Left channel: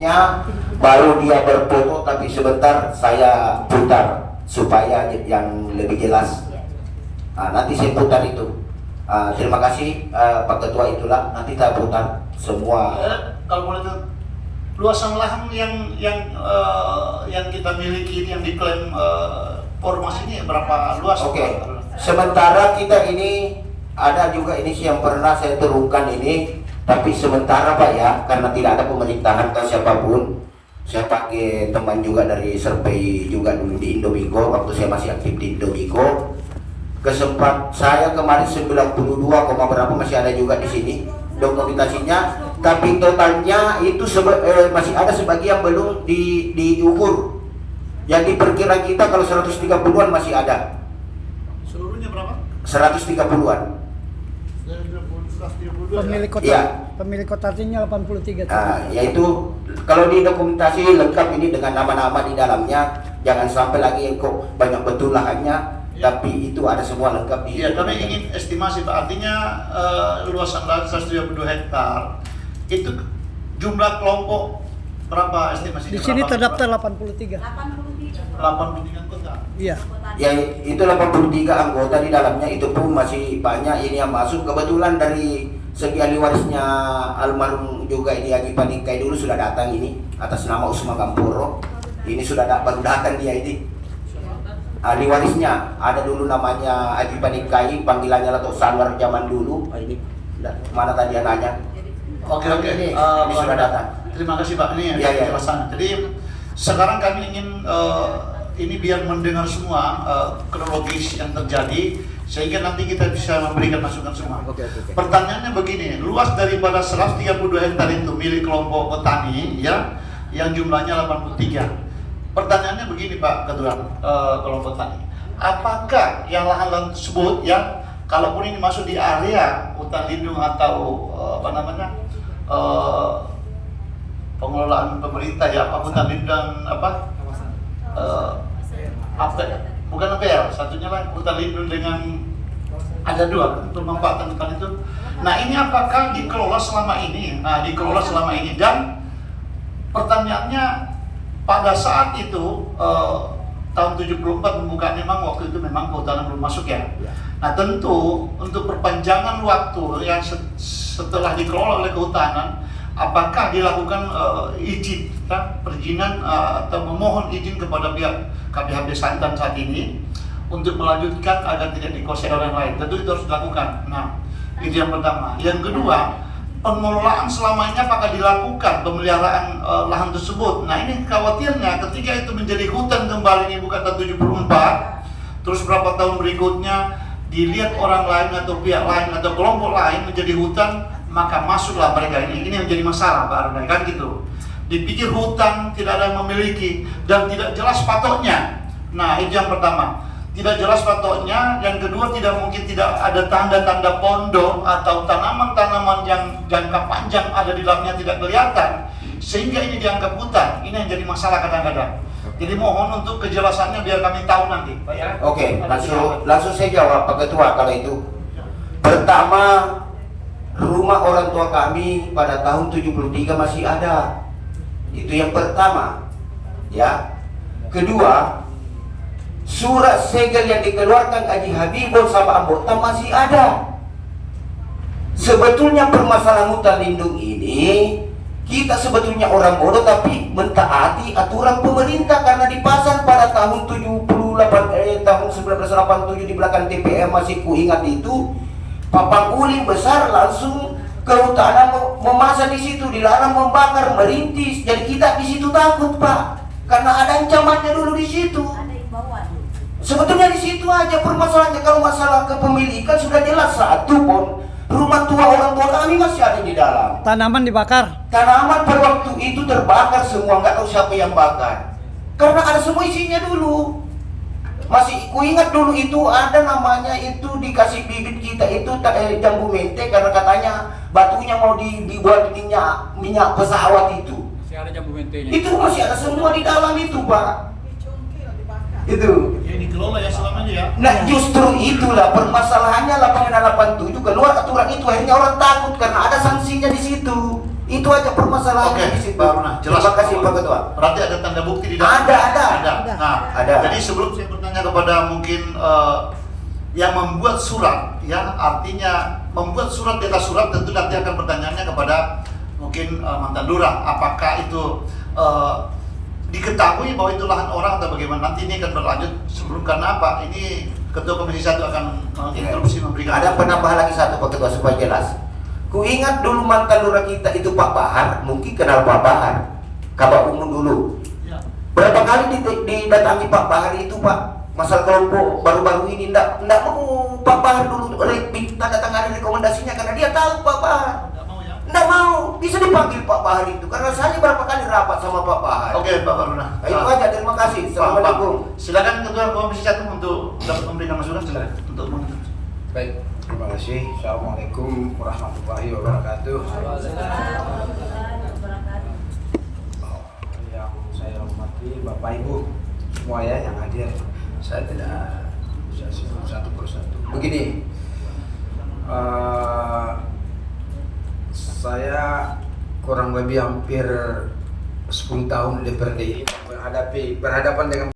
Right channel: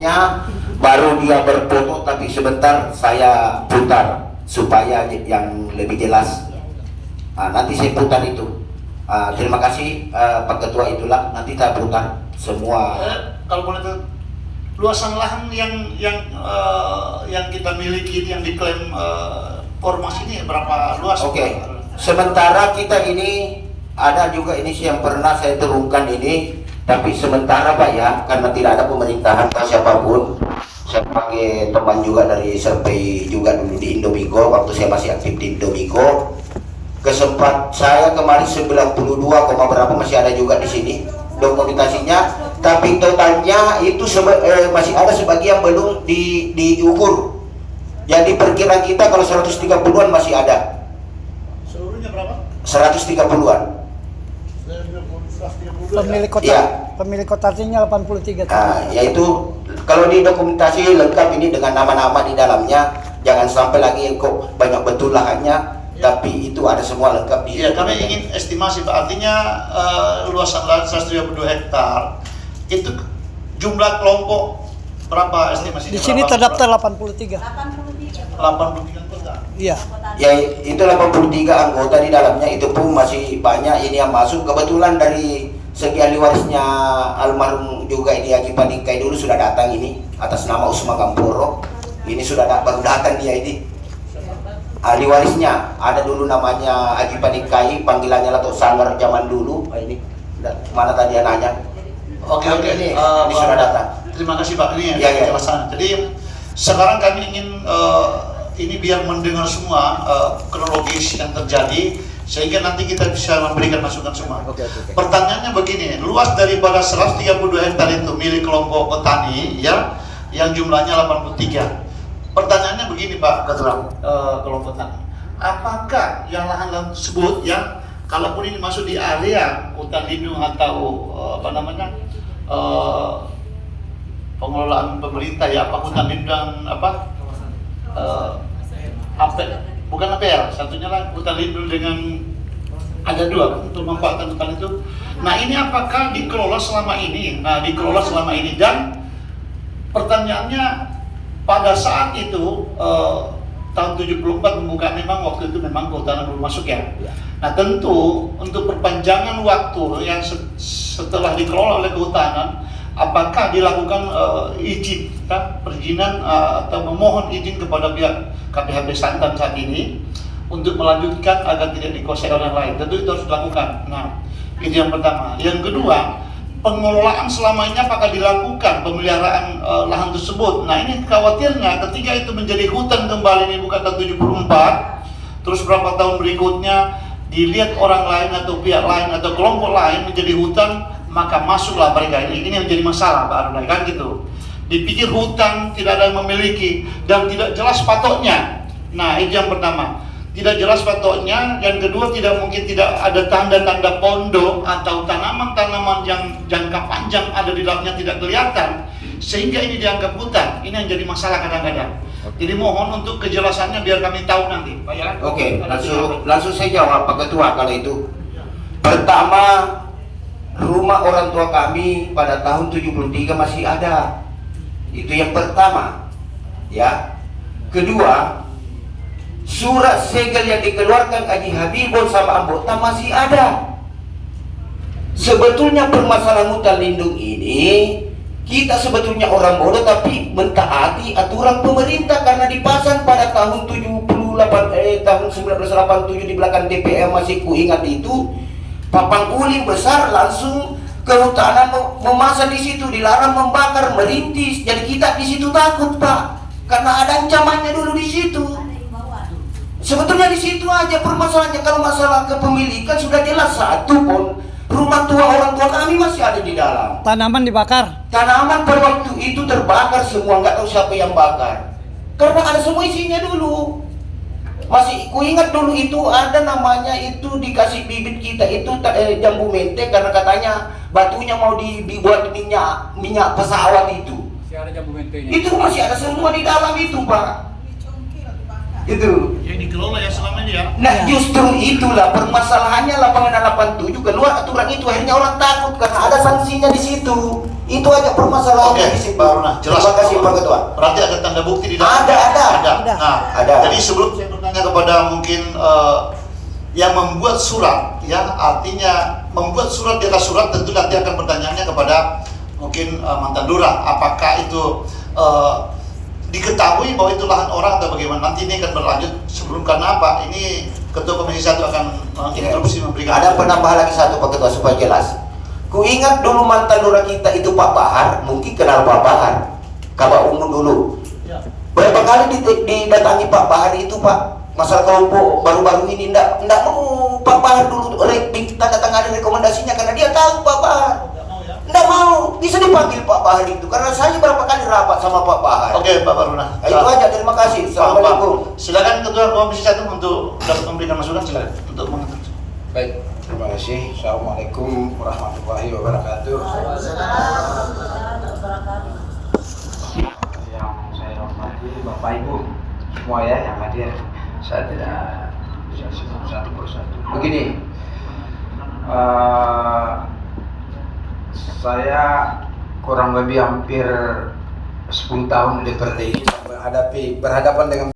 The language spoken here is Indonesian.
Ya, baru dia berfoto tapi sebentar saya putar supaya yang lebih jelas. Nanti saya putar itu. Terima kasih Pak Ketua, itulah nanti kita putar semua. Kalau boleh tahu, luasan lahan yang kita miliki yang diklaim Ormas ini berapa luas? Oke. Sementara kita ini ada juga ini yang pernah saya turunkan ini. Tapi sementara Pak ya, karena tidak ada pemerintahan atau siapapun, saya pakai teman juga dari survei juga dulu di Indomigo, waktu saya masih aktif di Indomigo. Kesempat saya kemarin 92, berapa masih ada juga di sini dokumentasinya, tapi totalnya itu masih ada sebagian belum diukur. Jadi perkiraan kita kalau 130-an masih ada. Seluruhnya berapa? 130-an. Pemilik kota, ya. Pemilik kotanya 83. Yaitu kalau di dokumentasi lengkap ini dengan nama-nama di dalamnya, jangan sampai lagi kok banyak betul lahannya, tapi itu ada semua lengkap di. Iya, kami ingin estimasi Pak, artinya luasan lahan 132 hektar itu jumlah kelompok berapa estimasinya? Di sini terdaftar 83. 83 kota. Iya. Ya itu 83 anggota di dalamnya, itu pun masih banyak ini yang masuk. Kebetulan dari segi ahli warisnya almarhum juga ini Haji Panikai dulu sudah datang ini atas nama Usma Gamporo. Ini sudah baru datang dia ini. Ahli warisnya ada dulu namanya Haji Panikai, panggilannya Lato Sanggar zaman dulu. Ini mana tadi anaknya? Oke. Ini sudah datang. Terima kasih Pak, ini ya. penjelasan. Jadi sekarang kami ingin ini biar mendengar semua kronologis yang terjadi sehingga nanti kita bisa memberikan masukan semua. Oke. Pertanyaannya begini, luas daripada 132 hektar itu milik kelompok petani ya, yang jumlahnya 83. Pertanyaannya begini Pak Ketua, kelompok petani, apakah yang lahan-lahan tersebut yang kalaupun ini masuk di area hutan lindung atau pengelolaan pemerintah ya, apa hutan lindung bukan APL, satunya lagi hutan lindung dengan ada dua kan, untuk memanfaatkan hutan itu. Nah ini apakah dikelola selama ini? Dan pertanyaannya pada saat itu tahun 74 pembukaan, memang waktu itu memang kehutanan belum masuk ya. Nah tentu untuk perpanjangan waktu yang setelah dikelola oleh kehutanan, apakah dilakukan izin, perizinan atau memohon izin kepada pihak KPHB Santan saat ini untuk melanjutkan agar tidak dikuasai oleh yang lain? Tentu itu harus dilakukan. Nah, itu yang pertama. Yang kedua, pengelolaan selama ini apakah dilakukan pemeliharaan lahan tersebut? Nah, ini khawatirnya ketika itu menjadi hutan kembali, ini bukan tahun 74, terus berapa tahun berikutnya dilihat orang lain atau pihak lain atau kelompok lain menjadi hutan, maka masuklah mereka. Ini menjadi masalah Pak Arunai, kan gitu. Dipikir hutan tidak ada yang memiliki dan tidak jelas patoknya. Nah itu yang pertama, tidak jelas patoknya. Yang kedua, tidak ada tanda-tanda pondok atau tanaman-tanaman yang jangka panjang ada di dalamnya tidak kelihatan, sehingga ini dianggap hutan. Ini yang jadi masalah kadang-kadang. Jadi mohon untuk kejelasannya biar kami tahu nanti Pak ya. Oke, langsung saya jawab Pak Ketua kalau itu. Pertama, rumah orang tua kami pada tahun 73 masih ada. Itu yang pertama. Ya. Kedua, surat segel yang dikeluarkan Haji Habibur sama anggota masih ada. Sebetulnya permasalahan hutan lindung ini, kita sebetulnya orang bodoh tapi mentaati aturan pemerintah, karena dipasang pada tahun 1987 di belakang DPR, masih kuingat itu. Papang uling besar langsung kehutanan memasang di situ, dilarang membakar, merintis. Jadi kita di situ takut Pak, karena ada ancamannya dulu di situ. Sebetulnya di situ aja permasalahannya. Kalau masalah kepemilikan sudah jelas, satu pun rumah tua orang tua kami masih ada di dalam. Tanaman dibakar. Tanaman pada waktu itu terbakar semua, nggak tahu siapa yang bakar. Karena ada semua isinya dulu. Masih kuingat dulu itu ada namanya itu dikasih bibit kita itu jambu mente, karena katanya batunya mau dibuat minyak pesawat itu. Masih ada jambu mentenya. Itu masih ada semua di dalam itu Pak. Itu. Ya dikelola ya selama ini ya. Nah justru itulah permasalahannya, lapangan 87 keluar aturan itu, akhirnya orang takut karena ada sanksinya di situ. Itu aja permasalahannya Oke, di situ. Pak Runa, jelas. Terima kasih Pak Ketua. Berarti ada tanda bukti di dalam. Ada. Ada. Nah, Ada. jadi sebelum saya bertanya kepada mungkin yang membuat surat, ya artinya membuat surat di atas surat, tentu nanti akan pertanyaannya kepada mungkin mantan lurah, apakah itu diketahui bahwa itu lahan orang atau bagaimana? Nanti ini akan berlanjut sebelum, karena apa? Ini Ketua Komisi 1 akan menginstruksi memberikan. Ada penambahan lagi satu Pak Ketua supaya jelas. Ku ingat dulu mantan lurah kita itu Pak Bahar, mungkin kenal Pak Bahar, Kabak Umum dulu. Berapa kali didatangi Pak Bahar itu Pak, masalah kelompok baru-baru ini ndak mau Pak Bahar dulu tanda tangan rekomendasinya karena dia tahu Pak Bahar. Nggak mau, bisa dipanggil Pak Bahar itu karena saya berapa kali rapat sama Pak Bahar. Oke, Pak Baruna. Nah, itu aja, terima kasih. Assalamualaikum. Silakan Ketua Komisi 1 untuk memberikan masukan, silakan untuk mengatakan. Baik, terima kasih. Assalamualaikum warahmatullahi wabarakatuh. Yang saya hormati Bapak Ibu semua ya yang hadir. Saya tidak bisa sebut satu persatu. Begini, saya kurang lebih hampir 10 tahun di DPRD ini berhadapan dengan